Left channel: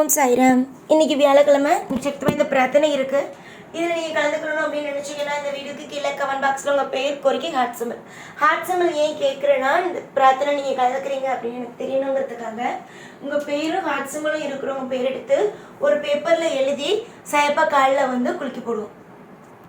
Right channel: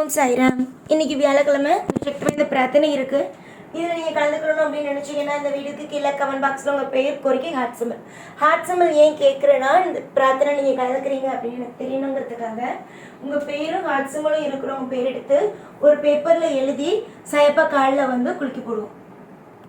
ஓம் சாய்ராம். இன்னைக்கு வியாழக்கிழமை சக்தி வாய்ந்த பிரார்த்தனை இருக்கு. இதில் நீங்கள் கலந்துக்கணும் அப்படின்னு நினச்சிங்கன்னா இந்த வீடியோக்கு கீழே கமெண்ட் பாக்ஸில் உங்கள் பெயர் கோரிக்கை ஹார்ட் சிம்பிள் ஏன் கேட்குறேன்னா, இந்த பிரார்த்தனை நீங்கள் கலந்துக்கிறீங்க அப்படின்னு எனக்கு தெரியணுங்கிறதுக்காக உங்கள் பேரும் ஹார்ட் சிம்பிளும் இருக்கிறவங்க பேர் எடுத்து ஒரு பேப்பரில் எழுதி சாயப்பா காலில் குலுக்கி போடுவோம்.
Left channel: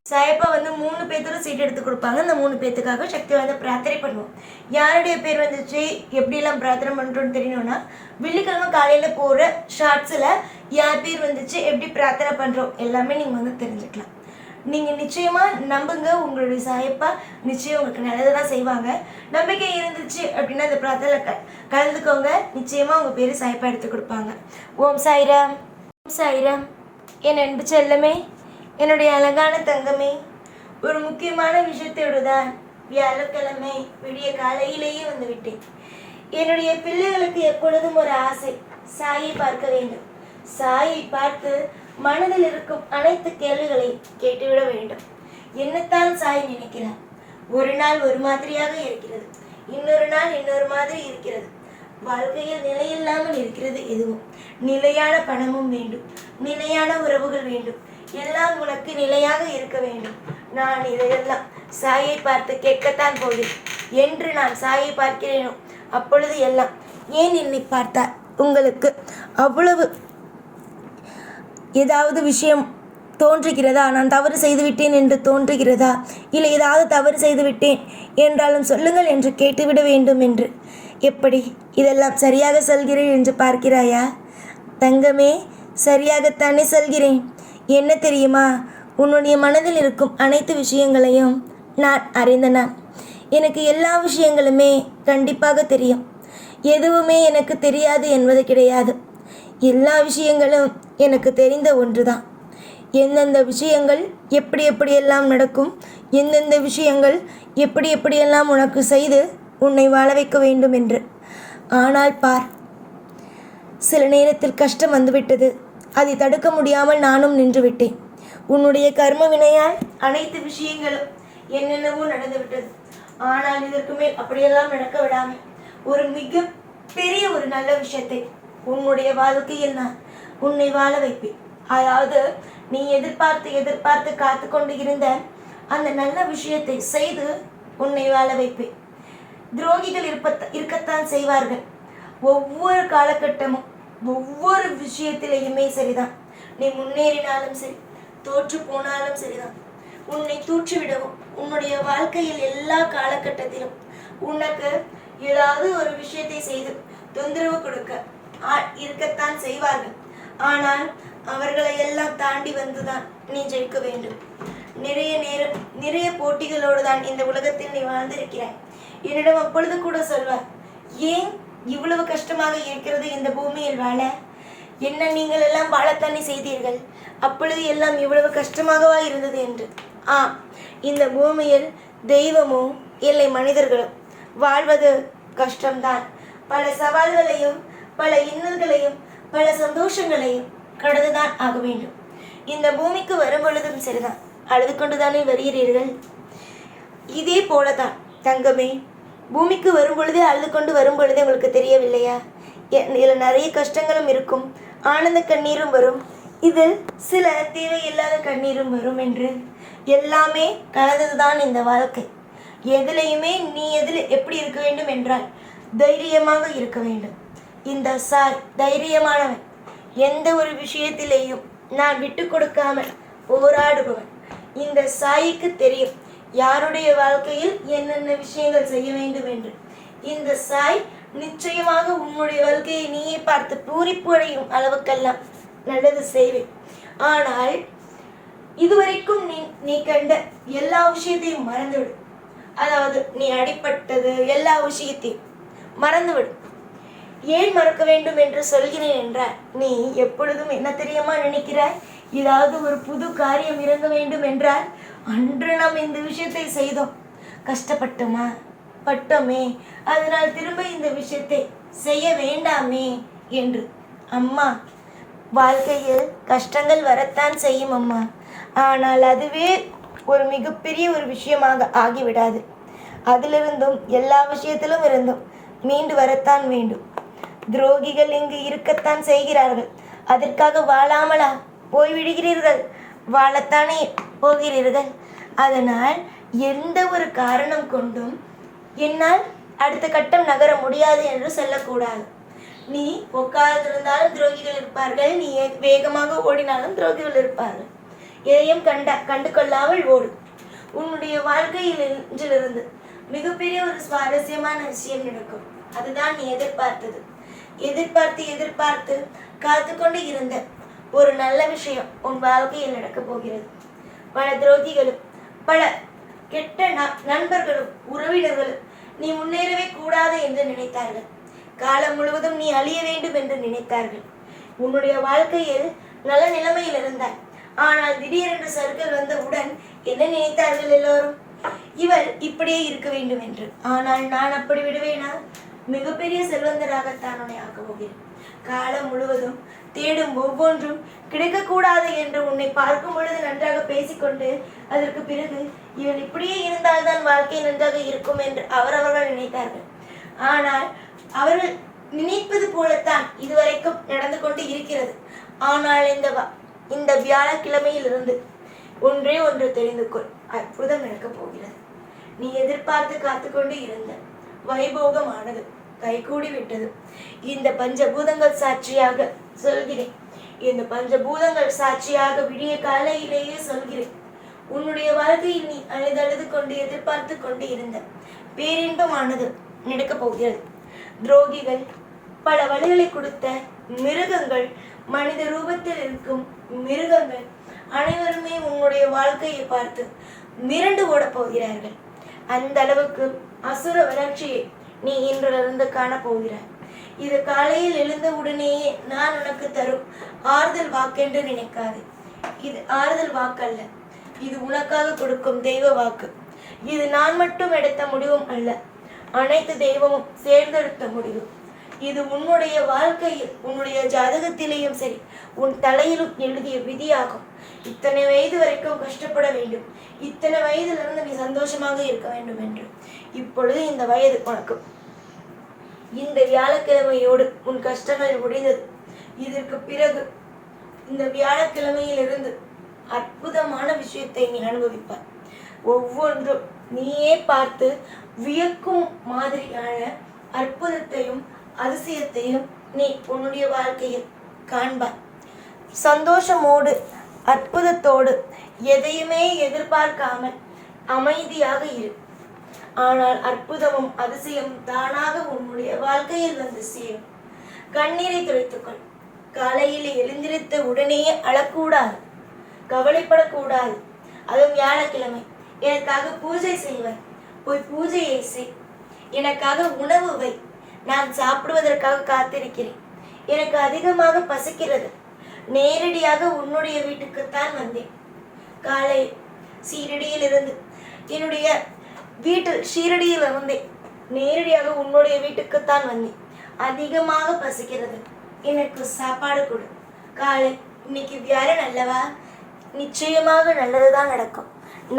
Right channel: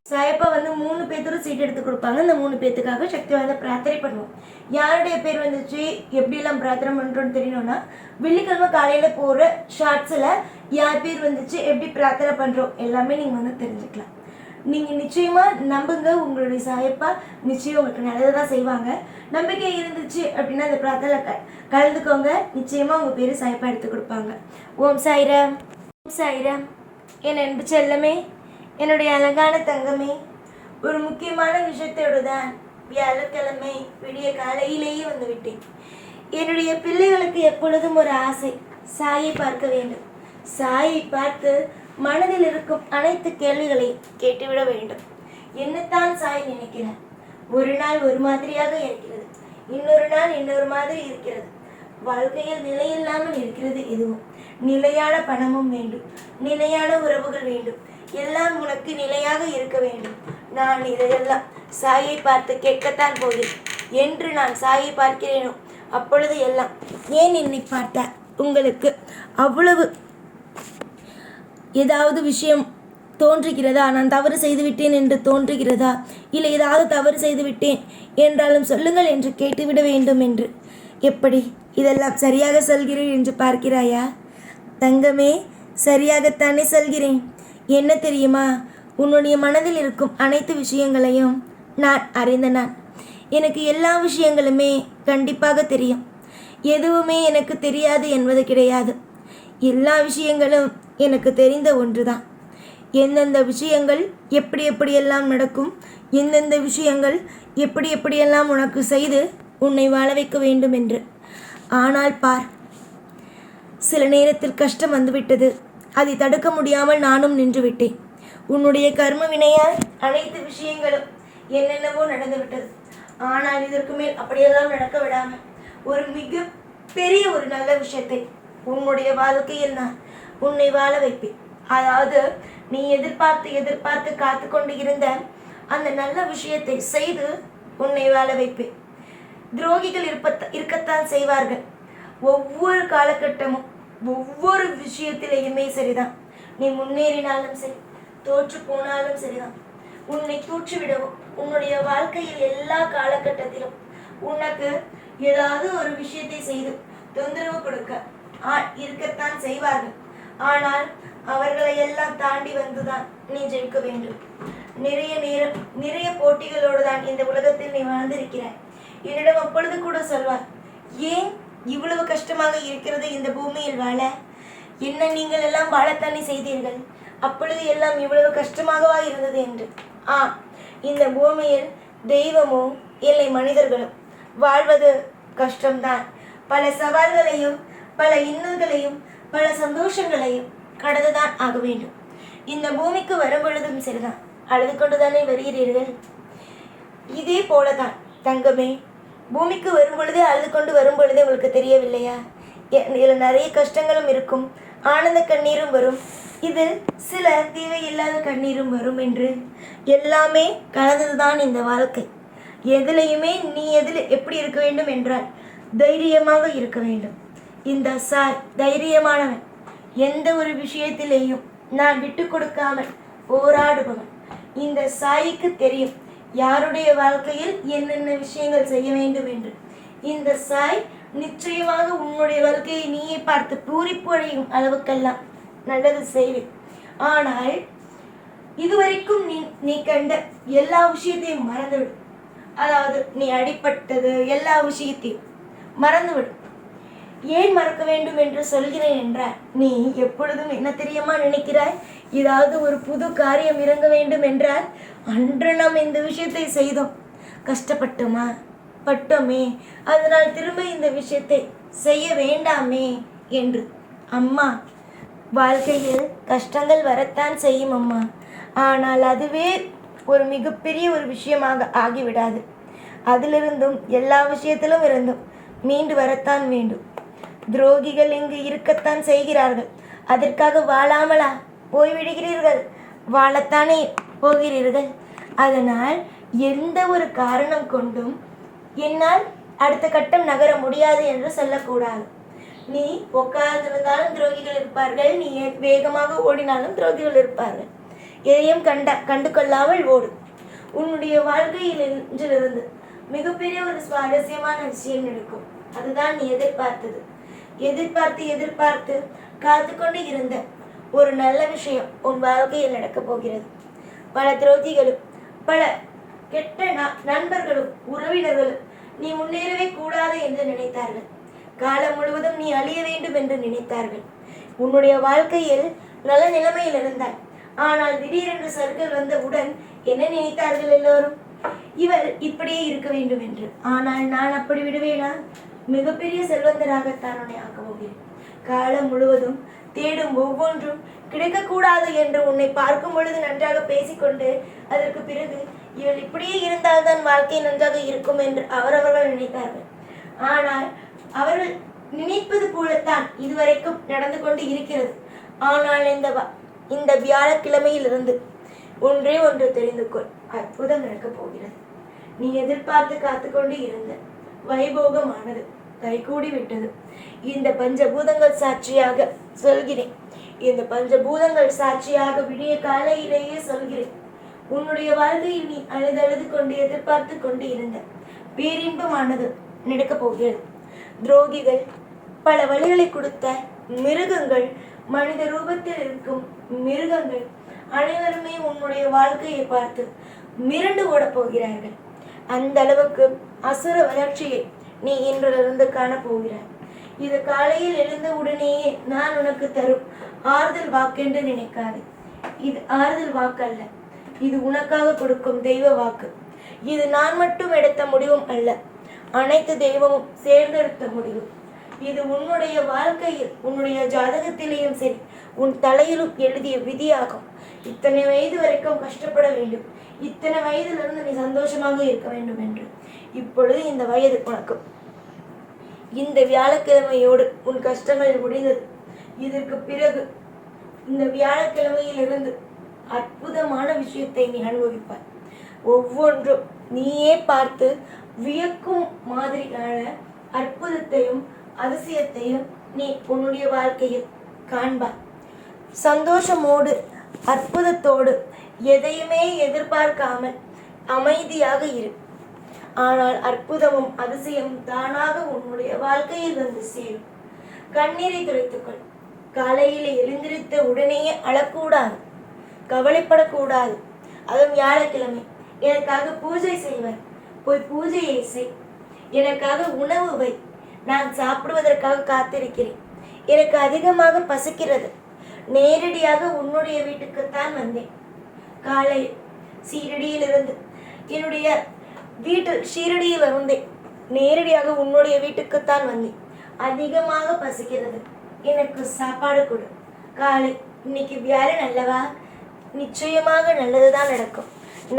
சாயப்பா 3 பேர்த்துக்கு சீட் எடுத்து கொடுப்பாங்க. அந்த 3 பேர்த்துக்காக சக்தி வாய்ந்த பிரார்த்தனை பண்ணுவோம். யாருடைய பேர் வந்துச்சு, எப்படிலாம் பிரார்த்தனை பண்ணுறோன்னு தெரியணும்னா, வெள்ளிக்கிழமை காலையில் போகிற ஷார்ட்ஸில் யார் பேர் வந்துச்சு, எப்படி பிரார்த்தனை பண்ணுறோம் எல்லாமே நீங்கள் தெரிஞ்சுக்கலாம். நீங்கள் நிச்சயமாக நம்புங்க, உங்களுடைய சாயப்பா நிச்சயம் உங்களுக்கு நல்லது தான் செய்வாங்க. நம்பிக்கை இருந்துச்சு அப்படின்னா அந்த பிரார்த்தனை கலந்துக்கோங்க. நிச்சயமாக உங்கள் பேர் சாயப்பா எடுத்து கொடுப்பாங்க. ஓம் சாய்ராம். ஓம் சாய்ராம். என் அன்பு செல்லமே, என்னுடைய அழகான தங்கமே, ஒரு முக்கியமான விஷயத்தோடு தான் வியாழக்கிழமை விடிய காலையிலேயே விட்டேன். என்னுடைய பிள்ளைகளுக்கு எப்பொழுதும் ஒரு ஆசை, சாயை பார்க்க வேண்டும். சாயை பார்த்து மனதில் இருக்கும் அனைத்து கேள்விகளை கேட்டுவிட வேண்டும். என்னத்தான் சாய் நினைக்கிறார்? ஒரு நாள் ஒரு மாதிரியாக இருக்கிறது, இன்னொரு நாள் இன்னொரு மாதிரி இருக்கிறது. வாழ்க்கையில் நிலையில்லாமல் இருக்கிறது எதுவும். நிலையான பணமும் வேண்டும், நிலையான உறவுகள் வேண்டும், எல்லாம் உனக்கு நிலையாக இருக்க வேண்டும். நான் இதையெல்லாம் சாயை பார்த்து கேட்கத்தான் போகிறேன். என்று நான் சாயை பார்க்கிறேனோ அப்பொழுது எல்லாம் ஏன் என்னை பார்த்தார்? உங்களுக்கு அவ்வளவு ஏதாவது விஷயம் தோன்றுகிறதா? நான் தவறு செய்துவிட்டேன் என்று தோன்றுகிறதா? இல்லை ஏதாவது தவறு செய்துவிட்டேன் என்றாலும் சொல்லுங்கள் என்று கேட்டுவிட வேண்டும் என்று. எப்படி இதெல்லாம் சரியாக சொல்கிறேன் என்று பார்க்கிறாயா? தங்கமே, சரியாகத்தானே சொல்கிறேன். என்ன தெரியுமா, உன்னுடைய மனதில் இருக்கும் அனைத்து விஷயங்களையும் நான் அறிந்தனான். எனக்கு எல்லா விஷயங்களுமே கண்டிப்பாக தெரியும். எதுவுமே எனக்கு தெரியாது என்பது கிடையாது. எல்லா விஷயங்களும் எனக்கு தெரிந்த ஒன்று தான். எந்தெந்த விஷயங்கள் எப்படியெல்லாம் நடக்கும், எந்தெந்த விஷயங்கள் எப்படியெல்லாம் உனக்கு செய்து உன்னை வாழ வைக்க வேண்டும் என்று. ஆனால் பார், சில நேரத்தில் கஷ்டம் வந்துவிட்டது. அதை தடுக்க முடியாமல் நானும் நின்று விட்டேன். உன்னுடைய கர்ம வினையால் அனைத்து விஷயங்களும் என்னென்னவோ நடந்துவிட்டது. ஆனால் இதற்கு மேல் அப்படியெல்லாம் நடக்க விடாமல் ஒரு மிக பெரிய ஒரு நல்ல விஷயத்தை உன்னுடைய வாழ்க்கையில் நான் உன்னை வாழ வைப்பேன். அதாவது நீ எதிர்பார்த்து காத்து கொண்டு இருந்த அந்த நல்ல விஷயத்தை செய்து உன்னை வாழ வைப்பேன். துரோகிகள் இருக்கத்தான் செய்வார்கள். ஒவ்வொரு காலகட்டமும் ஒவ்வொரு விஷயத்திலேயுமே சரிதான். நீ முன்னேறினாலும் சரி, தோற்று போனாலும் சரிதான். உன்னை தூற்றிவிடவும் உன்னுடைய வாழ்க்கையில் எல்லா காலகட்டத்திலும் உனக்கு ஏதாவது ஒரு விஷயத்தை செய்து தொந்தரவு கொடுக்க இருக்கத்தான் செய்வார்கள். ஆனால் அவர்களை எல்லாம் தாண்டி வந்துதான் நீ ஜெயிக்க வேண்டும். நிறைய போட்டிகளோடு தான் இந்த உலகத்தில் நீ வாழ்ந்திருக்கிறாய். என்னிடம் அப்பொழுது கூட சொல்வார், ஏன் இவ்வளவு கஷ்டமாக இருக்கிறது இந்த பூமியில் வாழ? என்ன நீங்கள் எல்லாம் வாழத்தானே செய்தீர்கள், அப்பொழுது எல்லாம் இவ்வளவு கஷ்டமாகவா இருந்தது என்று. இந்த பூமியில் தெய்வமோ இல்லை மனிதர்களும் வாழ்வது கஷ்டம்தான். பல சவால்களையும் பல இன்னல்களையும் பல சந்தோஷங்களையும் கடந்துதான் ஆக வேண்டும். இந்த பூமிக்கு வரும் பொழுதும் சரிதான், அழுது கொண்டுதானே வருகிறீர்கள். இதே போலதான் தங்கமே, பூமிக்கு வரும் பொழுதே அழுது கொண்டு வரும் பொழுதே உங்களுக்கு தெரியவில்லையா? இதில் நிறைய கஷ்டங்களும் இருக்கும், ஆனந்த கண்ணீரும் வரும், இதில் சில தேவையில்லாத கண்ணீரும் வரும் என்று. எல்லாமே கலந்ததுதான் இந்த வாழ்க்கை. எதிலையுமே நீ எப்படி இருக்க வேண்டும் என்றால் தைரியமாக இருக்க வேண்டும். இந்த சாய் தைரியமானவன். எந்த ஒரு விஷயத்திலேயும் நான் விட்டு கொடுக்காமல் போராடுபவன். இந்த சாய்க்கு தெரியும் யாருடைய வாழ்க்கையில் என்னென்ன விஷயங்கள் செய்ய வேண்டும் என்று. இந்த சாய் நிச்சயமாக உன்னுடைய வாழ்க்கையை நீயே பார்த்து பூரிப்பு அடையும் அளவுக்கெல்லாம் நல்லது செய்வேன். ஆனால் இதுவரைக்கும் நீ கண்ட எல்லா விஷயத்தையும் மறந்துவிடு. அதாவது நீ அடிபட்டது எல்லா விஷயத்தையும் மறந்துவிடு. ஏன் மறக்க வேண்டும் என்று சொல்கிறேன் என்றால், நீ எப்பொழுதும் என்ன தெரியுமா நினைக்கிறாய்? ஏதாவது ஒரு புது காரியம் இறங்க வேண்டும் என்றால், அன்று நாம் இந்த விஷயத்தை செய்தோம், கஷ்டப்பட்டோமா, பட்டோமே, அதனால் திரும்ப இந்த விஷயத்தை செய்ய வேண்டாமே என்று. அம்மா, வாழ்க்கையில் கஷ்டங்கள் வரத்தான் செய்யும் அம்மா. ஆனால் அதுவே ஒரு மிகப்பெரிய ஒரு விஷயமாக ஆகிவிடாது. அதிலிருந்தும் எல்லா விஷயத்திலும் இருந்தும் மீண்டு வரத்தான் வேண்டும். துரோகிகள் இங்கு இருக்கத்தான் செய்கிறார்கள். அதற்காக வாழாமலா போய்விடுகிறீர்கள்? வாழத்தானே போகிறீர்கள். அதனால் எந்த ஒரு காரணம் கொண்டும் என்னால் அடுத்த கட்டம் நகர முடியாது என்று சொல்லக்கூடாது. நீ உட்கார்ந்திருந்தாலும் துரோகிகள் இருப்பார்கள், நீ வேகமாக ஓடினாலும் துரோகிகள் இருப்பார்கள். எதையும் கண்டு கொள்ளாமல் ஓடு. உன்னுடைய வாழ்க்கையில் இன்றிலிருந்து மிகப்பெரிய ஒரு சுவாரஸ்யமான விஷயம் நடக்கும். அதுதான் நீ எதிர்பார்த்தது. எதிர்பார்த்து காத்து கொண்டு இருந்த ஒரு நல்ல விஷயம் உன் வாழ்க்கையில் நடக்கப் போகிறது. பல துரோகிகளும் பல கெட்ட நண்பர்களும் உறவினர்களும் நீ முன்னேறவே கூடாது என்று நினைத்தார்கள். காலம் முழுவதும் நீ அழிய வேண்டும் என்று நினைத்தார்கள். உன்னுடைய வாழ்க்கையில் நல்ல நிலைமையில் இருந்தாய். ஆனால் திடீரென்று சறுக்கல் வந்தவுடன் என்ன நினைத்தார்கள் எல்லோரும்? இவள் இப்படியே இருக்க வேண்டும் என்று. ஆனால் நான் அப்படி விடுவேனா? மிகப்பெரிய செல்வந்தராகத்தான் உன்னை ஆக்கப் போகிறேன். காலம் முழுவதும் தேடும் ஒவ்வொன்றும் கிடைக்கக்கூடாது என்று உன்னை பார்க்கும் பொழுது நன்றாக பேசிக்கொண்டு அதற்கு பிறகு இவள் இப்படியே இருந்தால்தான் வாழ்க்கை நன்றாக இருக்கும் என்று அவரவர்கள் நினைத்தார்கள். ஆனால் அவர்கள் நினைப்பது போலத்தான் இதுவரைக்கும் நடந்து கொண்டு இருக்கிறது. ஆனால் இந்த வியாழக்கிழமையிலிருந்து ஒன்றே ஒன்று தெரிந்து கொள், அற்புதம் நடக்கப் போகிறது. நீ எதிர்பார்த்து காத்து கொண்டு இருந்த வைபோகமானது கைகூடி விட்டது. இந்த பஞ்சபூதங்கள் சாட்சியாக சொல்கிறேன். இந்த பஞ்சபூதங்கள் சாட்சியாக விடிய காலையிலேயே சொல்கிறேன். உன்னுடைய வாழ்க்கையில் நீ அழுது கொண்டு எதிர்பார்த்து கொண்டு இருந்த பேரின்பமானது நடக்கப் போகிறது. துரோகிகள், பல வழிகளை கொடுத்த மிருகங்கள், மனித ரூபத்தில் இருக்கும் மிருகங்கள் அனைவருமே உன்னுடைய வாழ்க்கையை பார்த்து மிரண்டு ஓடப் போகிறார்கள். அந்த அளவுக்கு அசுர வளர்ச்சியை நீ இன்றிலிருந்து காணப்போகிறாய். இது காலையில் எழுந்த உடனேயே நான் உனக்கு தரும் ஆறுதல் வாக்கென்று நினைக்காது. இது ஆறுதல் வாக்கல்ல, இது உனக்காக கொடுக்கும் தெய்வ வாக்கு. இது நான் மட்டும் எடுத்த முடிவும் அல்ல, அனைத்து தெய்வமும் சேர்ந்தெடுத்த முடிவு. இது உன்னுடைய வாழ்க்கையில், உன்னுடைய ஜாதகத்திலேயும் சரி, உன் தலையிலும் எழுதிய விதியாகும். இத்தனை வயது வரைக்கும் கஷ்டப்பட வேண்டும், இத்தனை வயதிலிருந்து நீ சந்தோஷமாக இருக்க வேண்டும் என்று. இப்பொழுது இந்த வயது உனக்கு. இந்த வியாழக்கிழமையோடு உன் கஷ்டங்கள் முடிந்தது. இதற்கு பிறகு இந்த வியாழக்கிழமையிலிருந்து அற்புதமான விஷயத்தை நீ அனுபவிப்பார். ஒவ்வொன்றும் நீயே பார்த்து வியக்கும் மாதிரியான அற்புதத்தையும் அதிசயத்தையும் நீ உன்னுடைய வாழ்க்கையில் காண்பாய். சந்தோஷமோடு அற்புதத்தோடு எதையுமே எதிர்பார்க்காமல் அமைதியாக இரு. ஆனால் அற்புதமும் அதிசயமும் தானாக உன்னுடைய வாழ்க்கையில் வந்து சேரும். கண்ணீரை துடைத்துக்கொள். காலையில் எழுந்திருத்த உடனேயே அழக்கூடாது, கவலைப்படக்கூடாது. அதுவும் வியாழக்கிழமை. எனக்காக பூஜை செய்வாய், போய் பூஜையை செய். எனக்காக உணவு வை, நான் சாப்பிடுவதற்காக காத்திருக்கிறேன். எனக்கு அதிகமாக பசிக்கிறது. நேரடியாக உன்னுடைய வீட்டுக்குத்தான் வந்தேன். காலை ஷீரடியிலிருந்து, என்னுடைய வீட்டில் ஷீரடியில் இருந்தேன். நேரடியாக உன்னுடைய வீட்டுக்குத்தான் வந்தேன். அதிகமாக பசிக்கிறது, எனக்கு சாப்பாடு கொடு. காலை, இன்னைக்கு வியாழன் அல்லவா, நிச்சயமாக நல்லதுதான் நடக்கும்.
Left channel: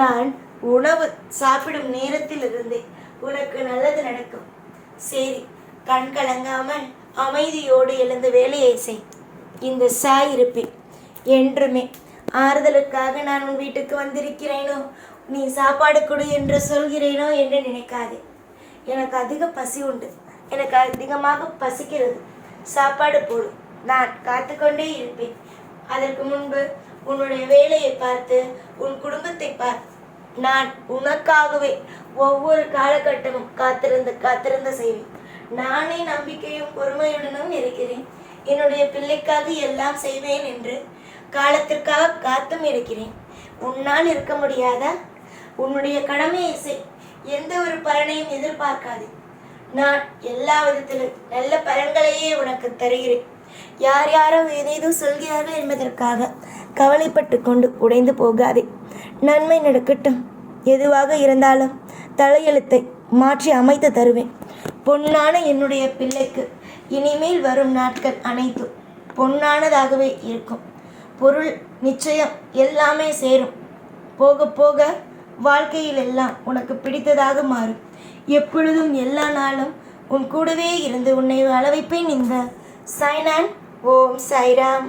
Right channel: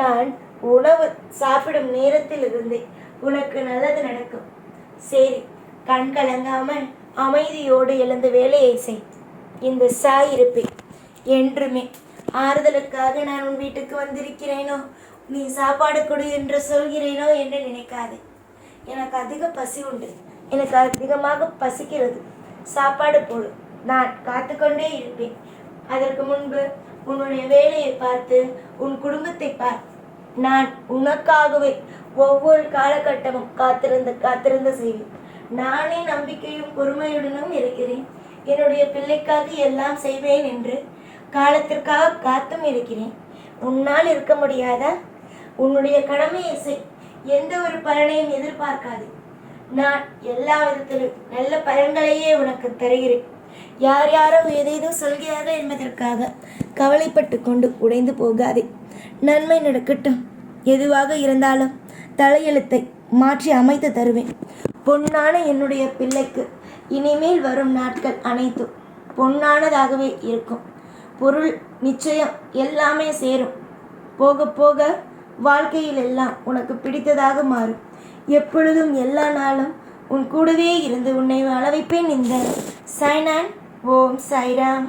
நான் உணவு சாப்பிடும் நேரத்தில் இருந்தே உனக்கு நல்லது நடக்கும். சரி, கண் கலங்காமல் அமைதியோடு எழுந்து வேலையை செய். இந்த சாய் இருப்பேன் என்றுமே. ஆறுதலுக்காக நான் உன் வீட்டுக்கு வந்திருக்கிறேனோ, நீ சாப்பாடு கொடு என்று சொல்கிறேனோ என்று நினைக்காதே. எனக்கு அதிக பசி உண்டு, எனக்கு அதிகமாக பசிக்கிறது. சாப்பாடு போடு, நான் காத்துக்கொண்டே இருப்பேன். அதற்கு முன்பு உன்னுடைய வேலையை பார்த்து உன் குடும்பத்தை பார். நான் உனக்காகவே ஒவ்வொரு காலகட்டமும் காத்திருந்து செய்வேன். நானே நம்பிக்கையும் பொறுமையுடனும் இருக்கிறேன். என்னுடைய பிள்ளைக்காக எல்லாம் செய்வேன் என்று காலத்திற்காக காத்தும் இருக்கிறேன். உன்னால் இருக்க முடியாதா? உன்னுடைய கடமையை செய். எந்த ஒரு பலனையும் எதிர்பார்க்காது. நான் எல்லா விதத்திலும் நல்ல பலன்களையே உனக்கு தருகிறேன். யார் யாரோ ஏதேதோ சொல்கிறார்கள் என்பதற்காக கவலைப்பட்டு கொண்டு உடைந்து போகாதே. நன்மை நடக்கட்டும். எதுவாக இருந்தாலும் தலையெழுத்தை மாற்றி அமைத்து தருவேன். பொன்னான என்னுடைய பிள்ளைக்கு இனிமேல் வரும் நாட்கள் அனைத்தும் பொன்னானதாகவே இருக்கும். பொருள் நிச்சயம் எல்லாமே சேரும். போக போக வாழ்க்கையில் எல்லாம் உனக்கு பிடித்ததாக மாறும். எப்பொழுதும் எல்லா நாளும் உன் கூடவே இருந்து உன்னை வாழ வைப்பேன். இந்த சாய்நான். ஓம் சாய்ராம்.